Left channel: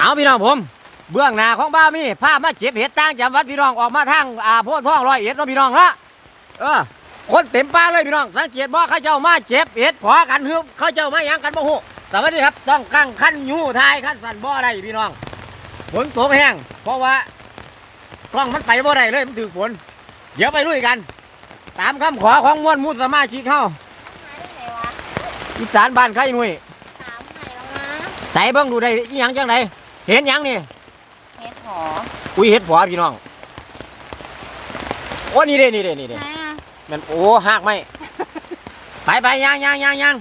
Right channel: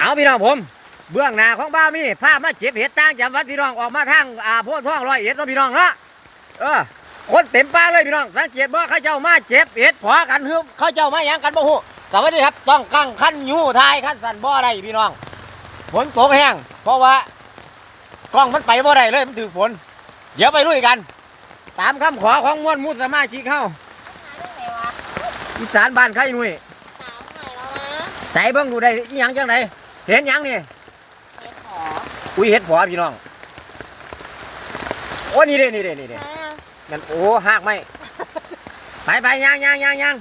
เอาพี่น้องผม เบื้องหน้าของบ้ามีภาพมาเจ็บเห็ดตั้งจำวัดพี่น้องออกมาทางอ่าโพธิ์ท้องร้อยเอ็ดเนาะพี่น้องเนาะเออคนเต็มป่าเลยพี่น้องสังเกตบ่เขาเจ้ามาเจ็บเห็ดขวากันฮึบเขาเจ้ามาหยังกันบ่ฮู้สวัสดีครับต้องกั้งขั้นยูทายขั้นสั่นบ่ได้พี่น้องฝนตกแห้งเพราะว่ากล้องมันไปบ่ได้เลยมันถือฝน เดี๋ยวไปลุยกัน ตามคำขอของมวลมุสมาชิกเข้าหายได้ไงวะอีสานบ้านไข่หนุ่ยสามไงแล้วนะใส่เบิ่งดูได้อีหยังจังไหน เห็นหยังนี่เฮ็ดหออุ้ยเห็ดผัวพี่น้อง โอ้นี่เด้นี่เด้นี่เด้นะมันโอ้หักไหมไปไปย่างย่างย่างย่าง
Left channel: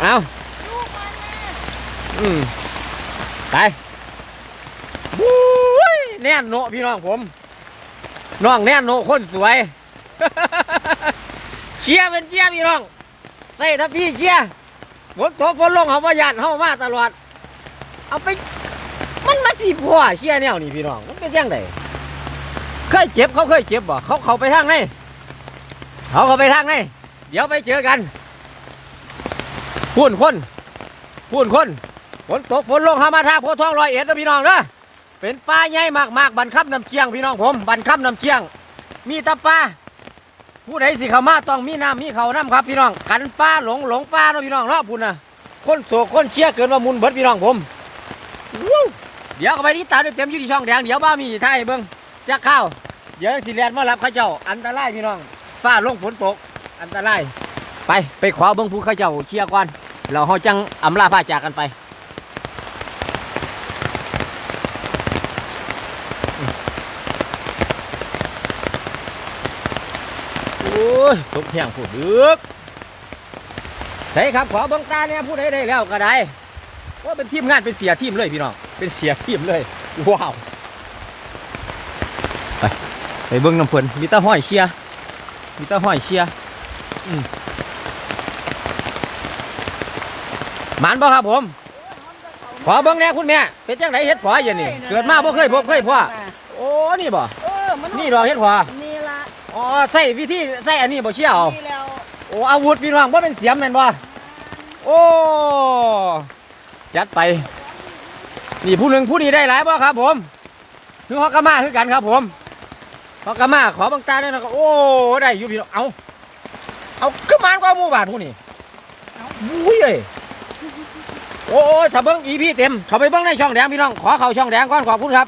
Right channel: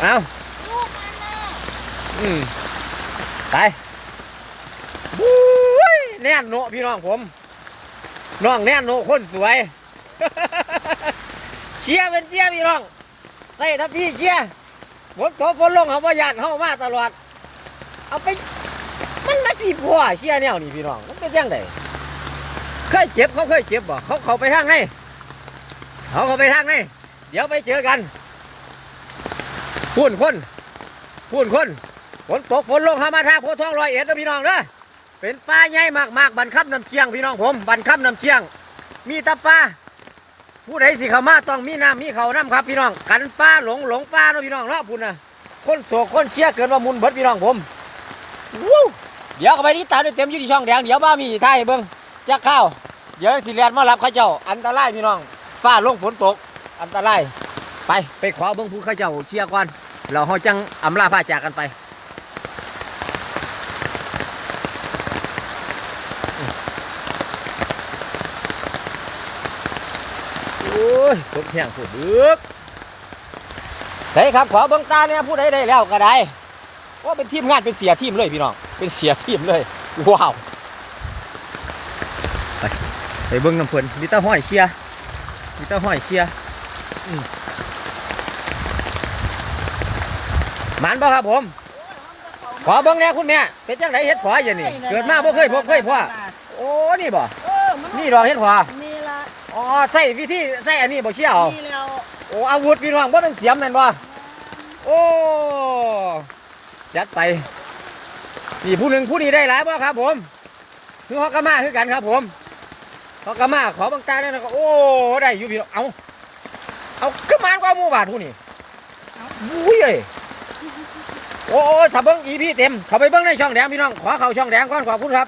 เอาลูกมันน่ะอืมไปบุ้ยแน่นโนพี่น้องผมน้องแน่นโนคนสวย เชียร์เป็นเชียร์พี่น้องใส่ทัพพี่เชียร์ฝนตกฝนลงเขาประหยัดเข้ามาตลอด เอาไป มันมาสีผัวเชียร์แนวนี่พี่น้อง มันเป็นยังไงเคยเจ็บเขาเคยเจ็บบ่เขาเขาไปทางไหนเขาเขาไปทางไหนเดี๋ยวไปเจอกันพูนคนพูนคนฝนตกฝนลงหามาทางโพทองรอยเอ็ดนะพี่น้องเด้อเป็นป่าใหญ่มากๆบันคับน้ำเชียงพี่น้องผม บันคับน้ำเชียง มีตะปลาผู้ใดสิเข้ามาต้องมีน้ำมีเขาน้ำครับพี่น้องกันปลาหลงหลงปลาเนาะพี่น้องเนาะพุ่นนะคนโศกคนเชียร์เกินว่ามุนเบิดพี่น้องผม วู้เดี๋ยวก็ไปนี่ตามด้วยเต็มอยู่ที่ช่องแดงเดี๋ยวบ้ามีท่ายเบิ้งจะเข้าวเดี๋ยวสิเรียนมารับข้าเจ้า อันตรายพี่น้องฟ้าลงฝนตก อันตรายไปไปขวาเบิ้งผู้ข้าเจ้าเคลียร์ก่อนเราเฮาจังอำลาพาจากกันไปโอ้ยตกแห้งผู้ดึกใช่ครับขอเบิ้งตาเนี่ยผู้ใดได้แล้วก็ได้ ว่าเป็นทีมงานเป็นเสียทีมเลยพี่น้อง เป็นเสียทีมเลย ว้าว ไปไปเบิ้งน้ำเพลินมีแตาห้อยเชียร์มีแตาห้อยเชียร์อืมหมันบ่ครับผม ขอเบิ้งแหน่คุณแม่ เป็นจังไหนเฮ็ดผออย่างนี้เกิดมาบ่เคยพบเคยพ่อโอ้ นี่บ่เออมันนี่ดอกเฮ็ดผอนี่ละอ๋อใส่วิธีใส่อันนี้บ่เชี่ยวนี่แล้วโอ้อาวุธพี่น้องบ่เป็นเสียมแม่นบ่โอ้ จัดไป นี่ผู้หนึ่งผู้นี้ได้หลายบ่ครับ ผมคือฮอกกามาคือกันครับ ผมฮอกกามาขอบางตาด้วยนะครับโอ้ได้อยู่พี่น้องเอาเอาขึ้นมานกว่าหมู่บ้าทผู้นี้บุ้ยเอ้ยโอ้ถ้าเบิ้งอีพี่เต็มเขาไปเบิ้งในช่องแดงพี่น้องขอเข้าช่องแดงก่อนขอบคุณครับ